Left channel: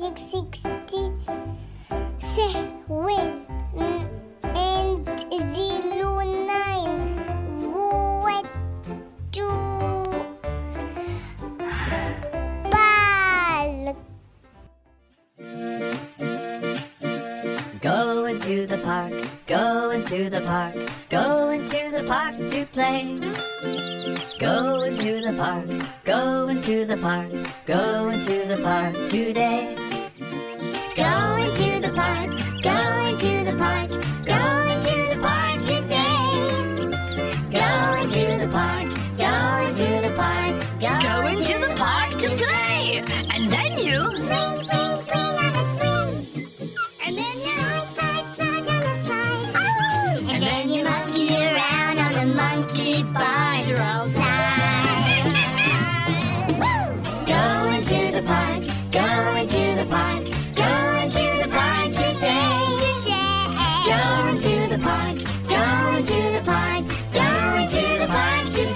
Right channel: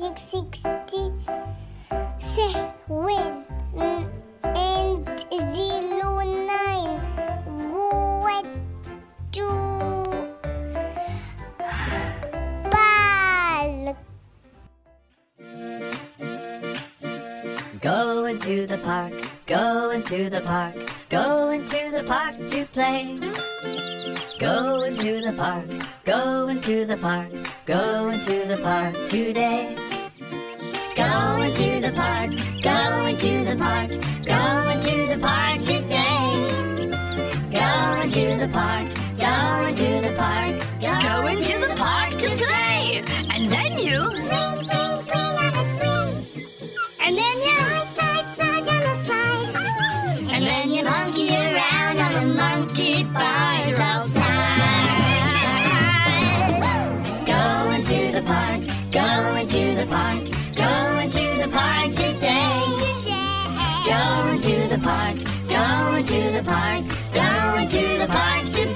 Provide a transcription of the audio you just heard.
667 and 09 go to ball. Going to the park, going to the park, going to the park to play. Going to the park, going to the park, going to the park today. Going to the park, going to the park, going to the park today. Going to the park, going to the park, going to the park to play. And then you Swing, swing, swing on the swings. and then you Slide, slide on the slide. and then you monkey around on the monkey bars outside. Going to the park, going to the park, going to the park today. Going to the park, going to the park, going to the park today.